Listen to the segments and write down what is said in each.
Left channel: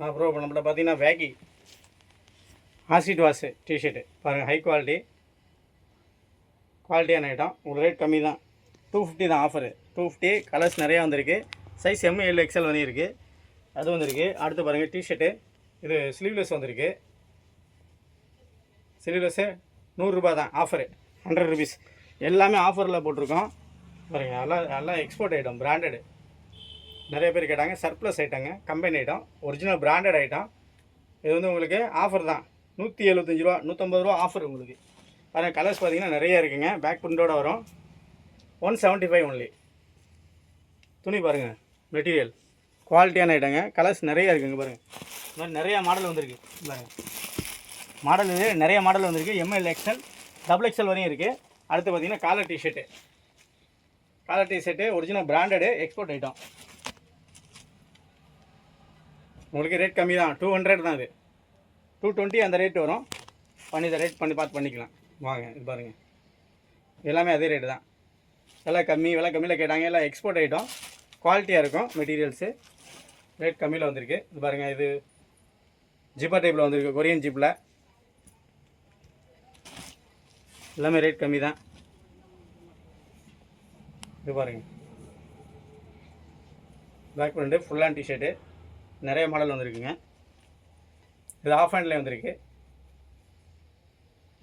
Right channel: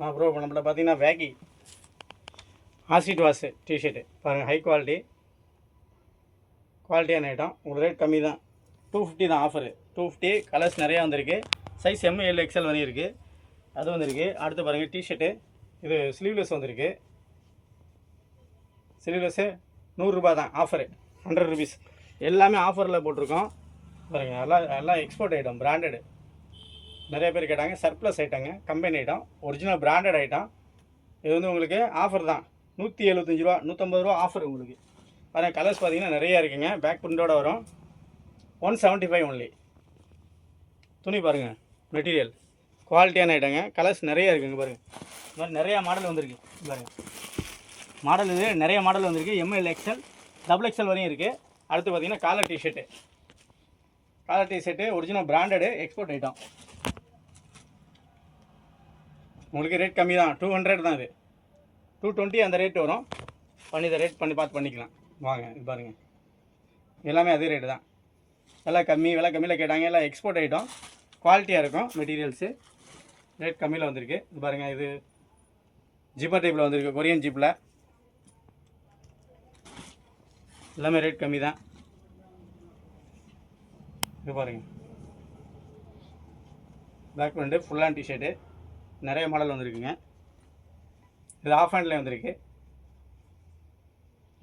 Bro இப்போ நம்மள்ட்ட பார்த்தீங்கன்னா வேகி ஆசிட் வாஷ் டிஷர்ட்டு பாருங்கள், ஹை குவாலிட்டியான ஐட்டம். ஒரு ரேட் கம்மி தான், 250 தான் ஆஃபரு. 250. கலர்ஸ் நிறையா வந்திருக்கு. சைஸ் ML XL வந்திருக்கு, அது வந்திருக்கு. அடுத்து பாருங்கள் டிஷர்ட்டு, இது ஸ்லீவ்லெஸ் வந்திருக்கு. ஸ்லீவ்லெஸ்ஸு 100 ரூபா தான் ஆஃபரு, 100 ருபீஸ். எல்லாமே ஆஃபரில் போட்டிருக்கோம் பாருங்கள். எல்லாம் எக்ஸ்போர்ட் ஐட்டம், பிராண்டடு. நிறைய பேர் கேட்டாங்க. சர்ப்ளஸ் ஐட்டங்க, company item, original branded item. இது வந்து உங்களுக்கு ஆஃபர் தான், 175 ரூபா, 150 ரூபா ஆஃபர் உங்களுக்கு. பாருங்கள், கலர்ஸ் பார்த்தீங்கன்னா நிறைய இருக்குங்க. பேக் பிரிண்டோடு வரும். 175 ஒன்லி. துணி பாருங்கள், மெட்டீரியல் குவாலிட்டியான ஐட்டங்க. கலர்ஸ் நிறைய இருக்குங்க பாருங்கள். இந்த மாதிரி நிறையா மாடல் வந்திருக்கு பாருங்கள். மாடல் இது நிறைய மாடல் வந்திருக்கு. ML XL XXL வரையும் இருக்குது. அடுத்து பார்த்தீங்கன்னா collar T shirt original branded export item. உங்களுக்கு ரேட் கம்மி தான், 200 தான். இது 220 அந்த ரேட் வரும். இதை ரேட் பார்த்து பண்ணிக்கலாம் வாங்க. இது பாருங்கள், எல்லாமே அதே ரேட்டு தான். விலை கம்மியில் கேட்டாங்க. எல்லாம் எக்ஸ்போர்ட் ஐட்டம், குவாலிட்டியாக இருக்கும் மெட்டீரியல்ஸு. ரேட் கம்மியில் வந்திருக்கு. இது பாருங்கள், இது ஜிப்பா டைப்பில் வந்திருக்கு, கொரியன் ஜிப்பில். எல்லாமே ரேட் கம்மி தான். இது பாருங்கள், back print full hand T shirt, நிறைய மாடல் வந்திருக்குங்க. இது ஆஃப் ஹேண்ட்லேயே வந்திருக்கு,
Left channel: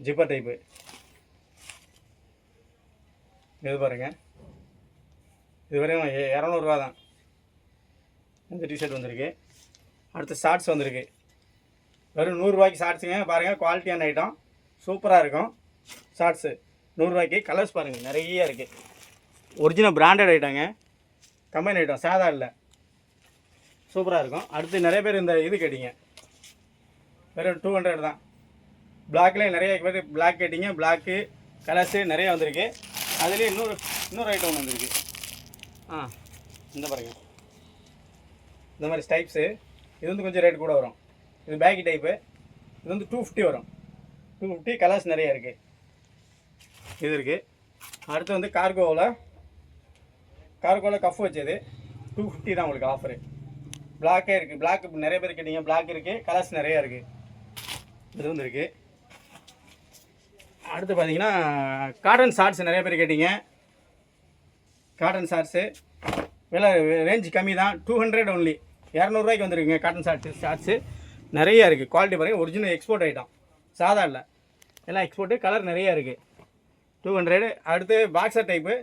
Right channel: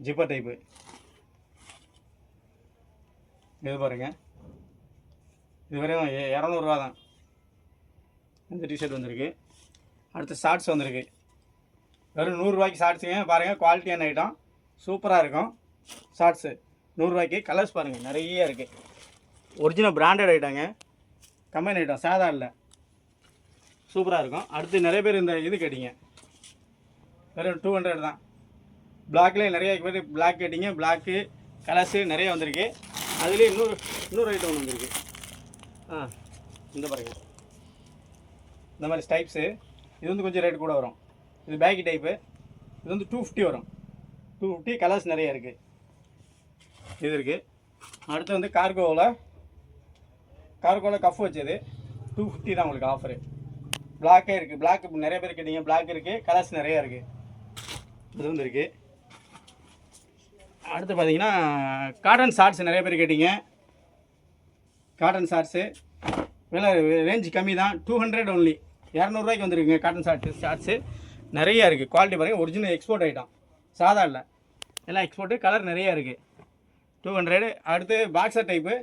ஜிப்பர் டைப்பு. இது பாருங்கள், இது வரையும் 200 ரூபா தான் இந்த டிஷர்ட் வந்திருக்கு. அடுத்து ஷார்ட்ஸ் வந்திருக்கு, வெறும் 100 ரூபாய்க்கு ஷார்ட்ஸுங்க. பாருங்கள், குவாலிட்டியான ஐட்டம், சூப்பராக இருக்கும் ஷார்ட்ஸு. 100 ரூபாய்க்கு. கலர்ஸ் பாருங்கள், நிறைய இருக்குது. ஒரிஜினல் பிராண்டட் ஐட்டங்க, கம்பெனி ஐட்டம், சாதா இல்லை, சூப்பராக இருக்கும். அடுத்து நிறைய பேர் இந்த இது கேட்டிங்க, வெறும் 200 தான். பிளாக்லேயே நிறைய பேர் பிளாக் கேட்டிங்க. பிளாக்கு கலர்ஸு நிறைய வந்திருக்கு. அதுலேயே இன்னொரு ஐட்டம் ஒன்று வந்திருக்கு. இந்த பாருங்க, இந்த மாதிரி டைப்ஸு. இது வந்து கொஞ்சம் ரேட் கூட வரும். இது பேக்கி டைப்பு. இது வந்து 250 வரும். 250. கலர்ஸ் நிறைய இருக்குது. இது இருக்குது. அடுத்து வந்து கார்கோவில் கஃப் வச்சது 250 தான் உங்களுக்கு ஆஃபரு. பிளாக்கே இருக்குது. பிளாக் நிறைய பேர் கேட்டிங்க, பிளாக் இருக்குது. கலர்ஸ் நிறையா இருக்குது. இது வந்து இருக்குது. அடுத்து பார்த்தீங்கன்னா காட்டன் ஷார்ட்ஸ் நிறைய பேர் கேட்டிங்க. காட்டன் ஷார்ட்ஸு விலை ரேஞ்சு கம்மி தான், 200 ஒன்லி. 200 ரூபாய்க்கு வந்துருக்குங்க. காட்டன் ஷார்ட்ஸு நிறையா இருக்குது. குவாலிட்டி பாருங்கள், ஒரிஜினல் எக்ஸ்போர்ட் ஐட்டம், சாதா இல்லை, எல்லாம் எக்ஸ்போர்ட்டு. கலர் நிறையா இருக்குது, 200. அடுத்து பாக்ஸர் டைப்பு,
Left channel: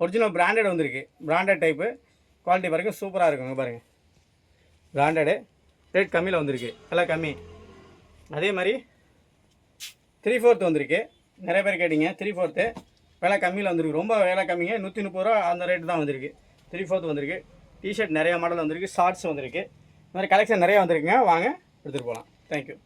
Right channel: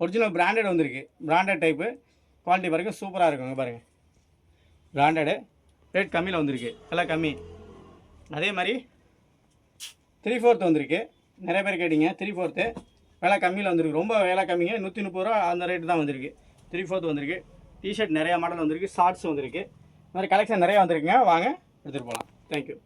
ஒரிஜினல் பிராண்டட் வந்திருக்கு. பிராண்டட் டைப்பு, குவாலிட்டி பாருங்கள், சூப்பராக இருக்குங்க பாருங்கள். பிராண்டடு, ரேட் கம்மியில் வந்திருக்கு, விலை கம்மி. அதே மாதிரி 3/4 வந்திருக்கு. நிறைய பேர் கேட்டிங்க. 3/4 விலை கம்மியில் வந்திருக்கு. ரொம்ப விலை கம்மிங்க, 130 ரூபா அந்த ரேட்டு தான் வந்திருக்கு. 3/4 வந்திருக்கு. டிஷர்ட் நிறையா மாடல் வந்திருக்கு. ஷார்ட்ஸ் வந்திருக்கு. இந்த மாதிரி கலெக்ஷன் நிறையா வந்திருக்குங்க. வாங்க எடுத்துகிட்டு போகலாம். தேங்க்யூ.